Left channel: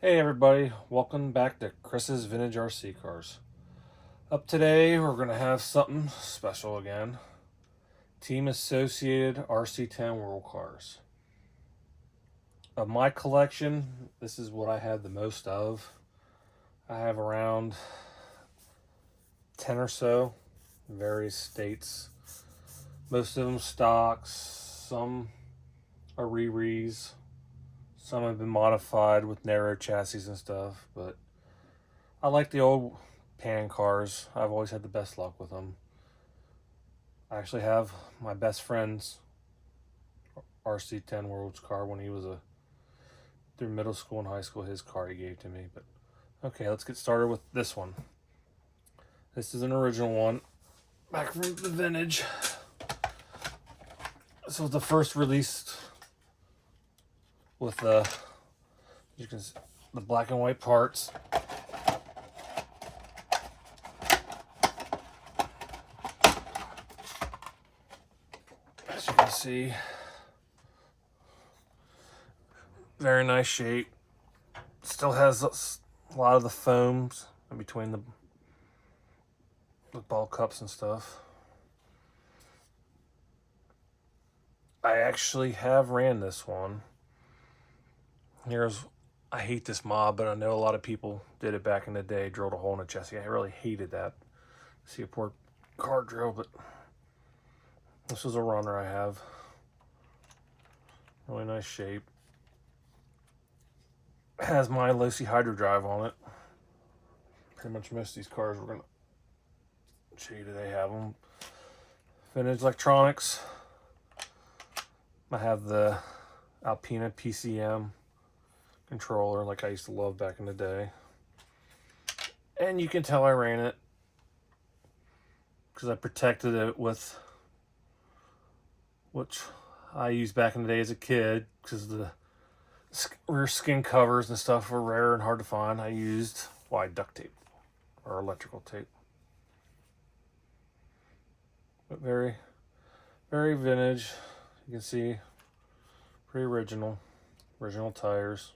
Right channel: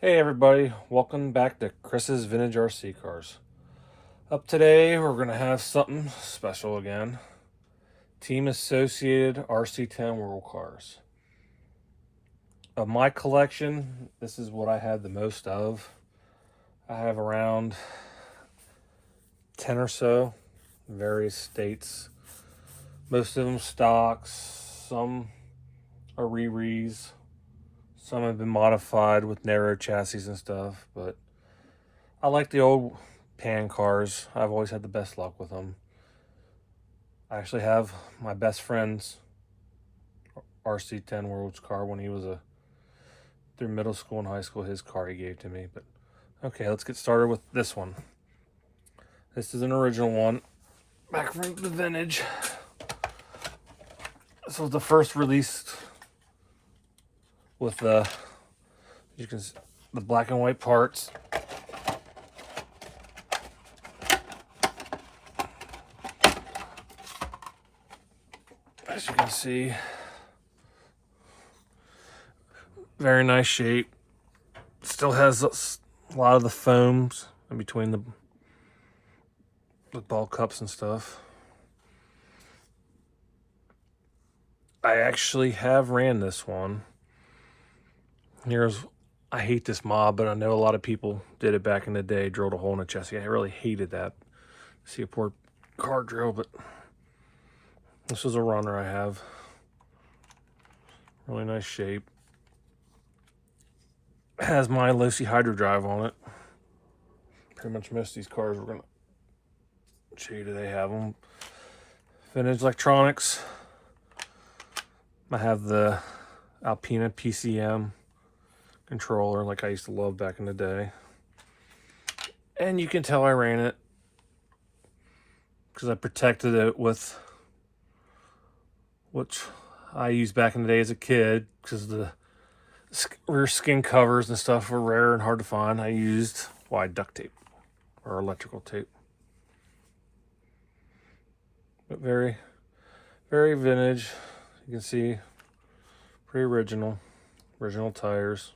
Hey everybody, welcome back to Chris's Vintage RC Cars. Up today, we're going to have something special again. Team Associated RC10 World Cars. Of my collection, this is what I have the most of. I have around 10 or so in various states. Most of them stocks, some are re-re's. Some have been modified with narrow chassis and stuff, but I like the old pan cars. I've always had the best luck with them. I actually have my best friend's RC10 World's car when he was through middle school and high school. His car he gave to me. But okay, let's get started with this one. This is an original one, back from the vintage. This was the first released with the black and white parts. As you can see, very nice shape. Still has a lot of the foams in between the ball cups and stuff. I actually have ran this one. I hate this mod, but I know a lot of people did it back in the day, drilled a hole in the chassis. I really hated that. See a poor car drill, but this was a runner I have. Really nice shape. It has my low-C hydro drive on it. Pretty much most of these cars we're gonna show you today have them. Vintage electronics. I have the Alpina PCM controller like I used to love back in the day. And you can tell I ran it because I protected it with which I used back in the day as a kid, because the rear skin covers and stuff were rare and hard to find. I used wide duct tape or electrical tape. But very, very vintage. You can see pretty original tires.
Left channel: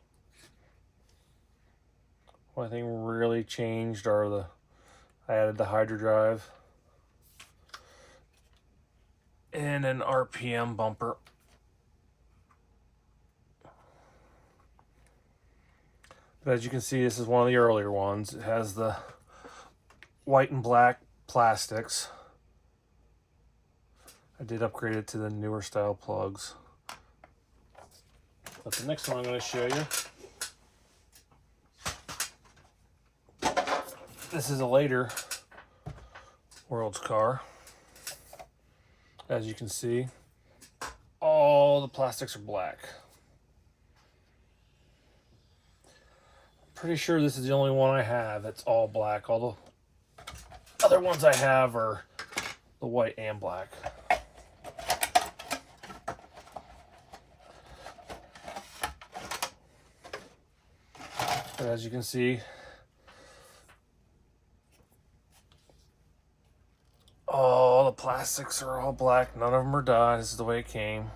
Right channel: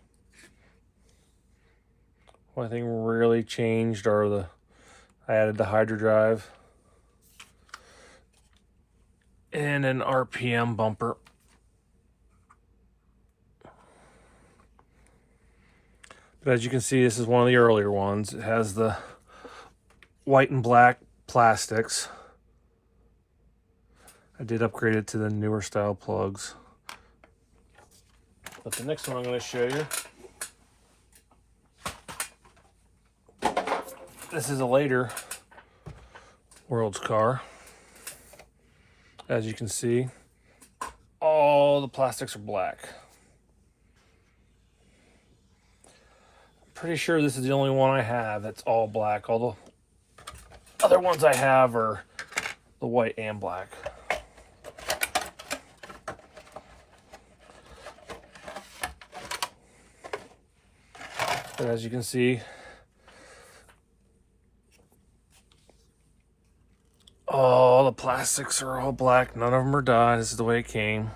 Only thing really changed are I added the hydro drive and an RPM bumper. But as you can see, this is one of the earlier ones. It has the white and black plastics. I did upgrade it to the newer style plugs. But the next one I'm going to show you, this is a later World's car. As you can see, all the plastics are black. Pretty sure this is the only one I have that's all black. All the other ones I have are the white and black. But as you can see, all the plastics are all black. None of them are dyed. This is the way it came.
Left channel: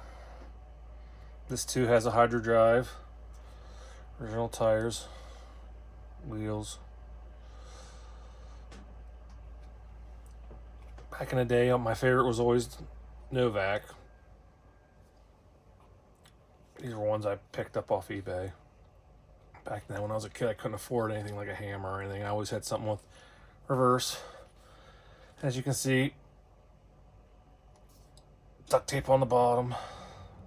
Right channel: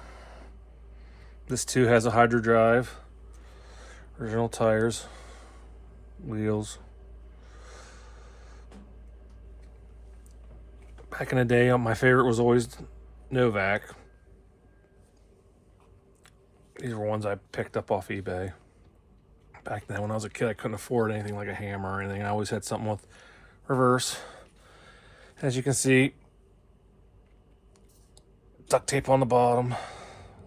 This too has a hydro drive, original tires, wheels. Back in the day, my favorite was always Novak. These were ones I picked up off eBay. Back then when I was a kid, I couldn't afford anything like a hammer or anything. I always had something with reverse. As you can see, duct tape on the bottom,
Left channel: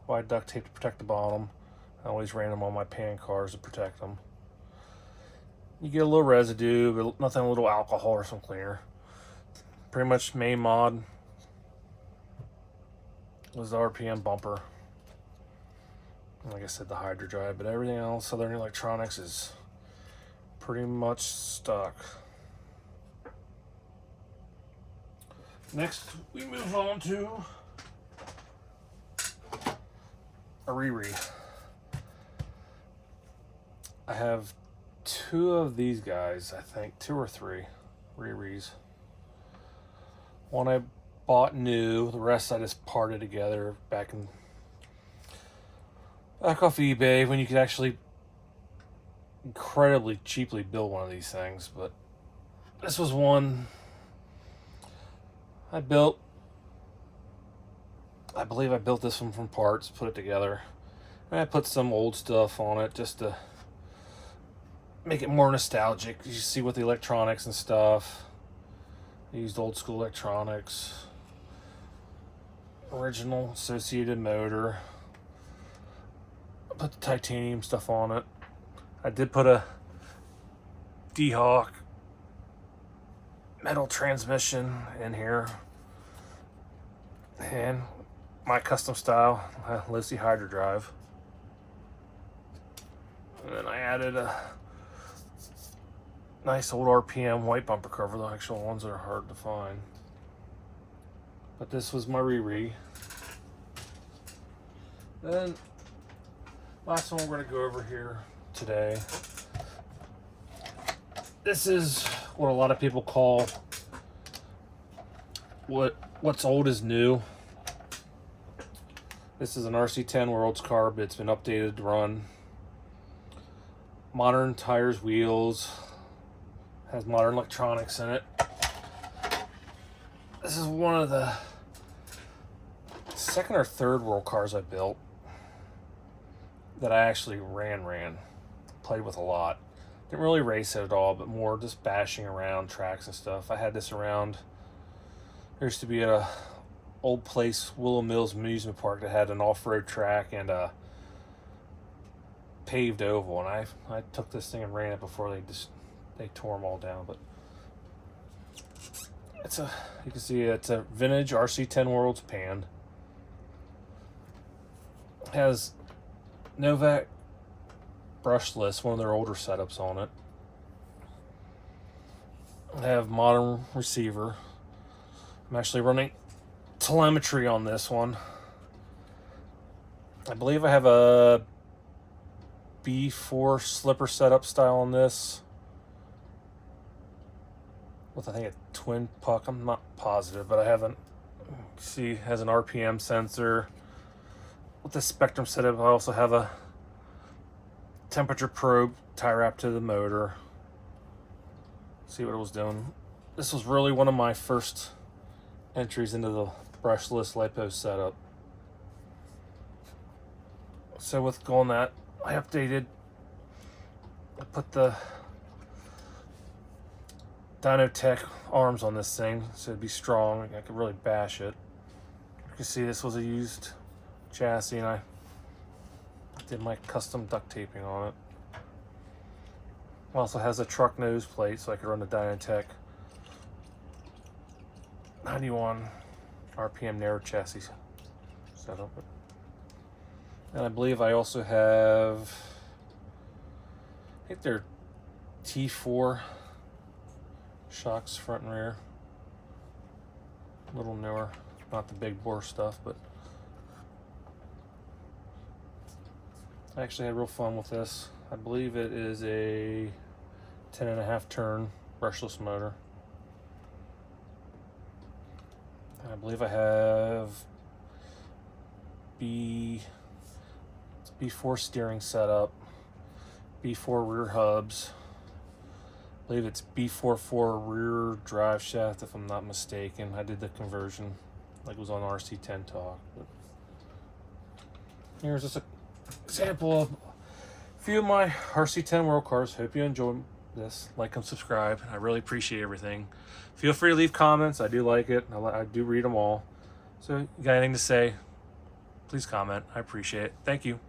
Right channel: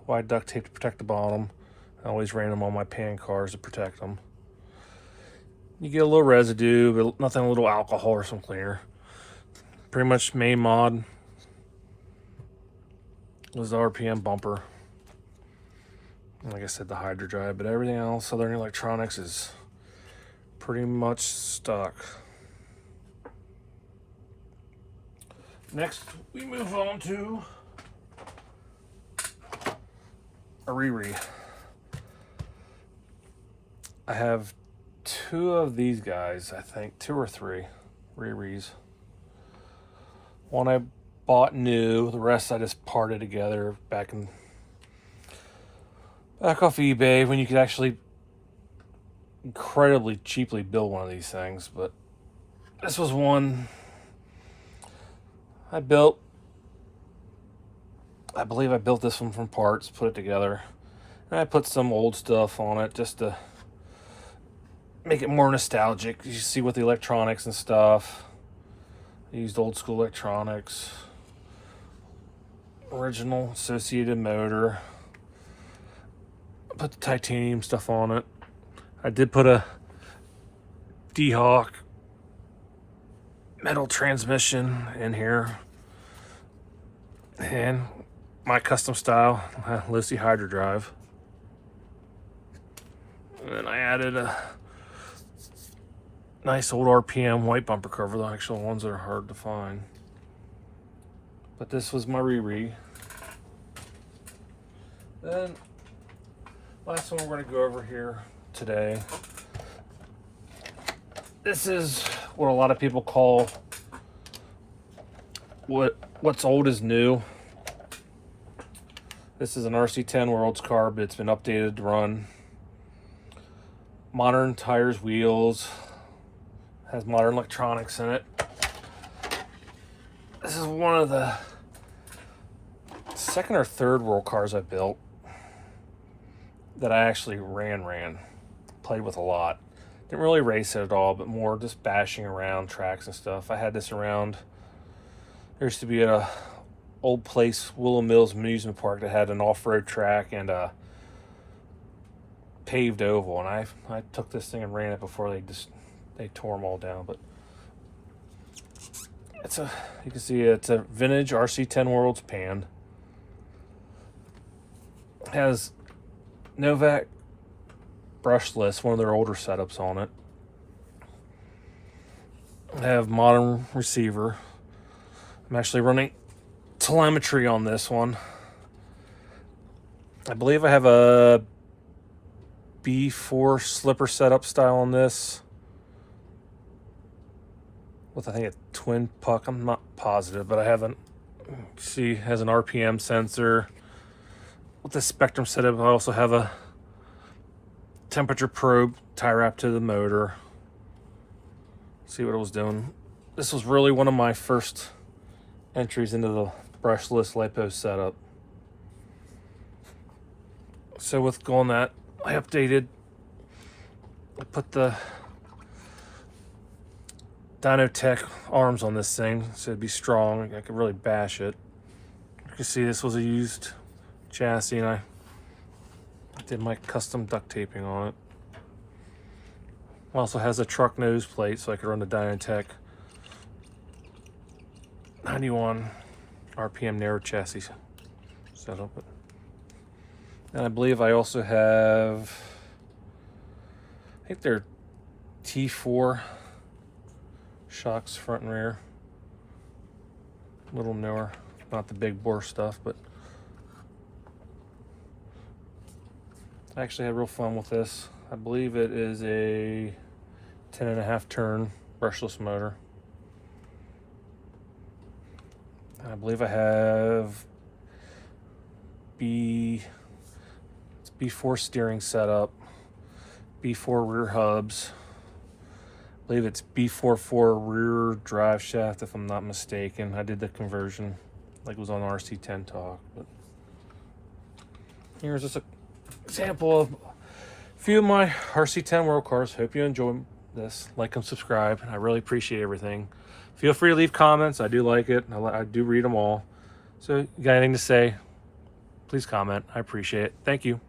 wide duct tape to protect the bottom. I always ran them on my pan cars to protect them. You get a little residue, but nothing, a little alcohol or some cleaner. Pretty much main mod was the RPM bumper. Like I said, the hydro drive, but everything else, Southern Electronics, is pretty much stuck. Next, we move on to a re-re. I have two of these guys, I think, two or three re-res. One I bought new, the rest I just parted together back off eBay when you could actually incredibly cheaply build one of these things, but this was one I built. I believe I built this one from parts, put it together, and I put some old stuff on it just to make it more nostalgic. You see with the electronics and stuff. I used old school electronics, original associated motor. I put the titanium stuff on it. I did put a D-Hawk metal transmission in here, and my custom style Lucy Hydro Drive. And then I added a nice old RPM white bumper cover, the actual ones that are hard to find. But this was my re-re. Then last one we're going to go over here today. This is what a lot of people call what's old is new. This is an RC10 Worlds carb. It's been updated to run modern tires, wheels, has modern electronics in it. This is one of the second or third world cars I built that I actually played with a lot. Didn't really race it at all, but more just bashing around tracks and stuff. I had this around. There used to be a old place, Willow Mills amusement park, that had an off-road track and a paved oval, and I took this thing and ran it before they tore them all down. But you can see it's a vintage RC10 Worlds pan. It has Novak brushless, one of their older setups on it. I have modern receiver. I'm actually running telemetry on this one. I believe I have a B4 slipper setup style on this with, I think, a twin puck. I'm not positive, but I haven't. See, it has an RPM sensor. With the Spectrum setup, I also have a temperature probe tie wrap to the motor. See what it was doing. This was really one of my first entries into the brushless LiPo setup. So with going that, I put the Dynotech arms on this thing so it'd be strong. I could really bash it. You can see this was a used chassis, and I did my custom duct taping on it. Also has a truck nose plate so I could run the Dynotech 91 RPM narrow chassis setup. And I believe I also have, I think they're T4 shocks front and rear. A little newer, not the big bore stuff, but I actually had real fun with this. I believe it is a 10.5 turn brushless motor. And I believe I have B4 steering setup, B4 rear hubs. I believe it's B44 rear drive shaft, if I'm not mistaken. I did the conversion, like it was on RC10 Talk. But here's just an example of a few of my RC10 World cars. Hope you enjoy this. Like and subscribe. I really appreciate everything. Feel free to leave comments. I do like it. I do read them all. So, you got anything to say, please comment. I appreciate it. Thank you.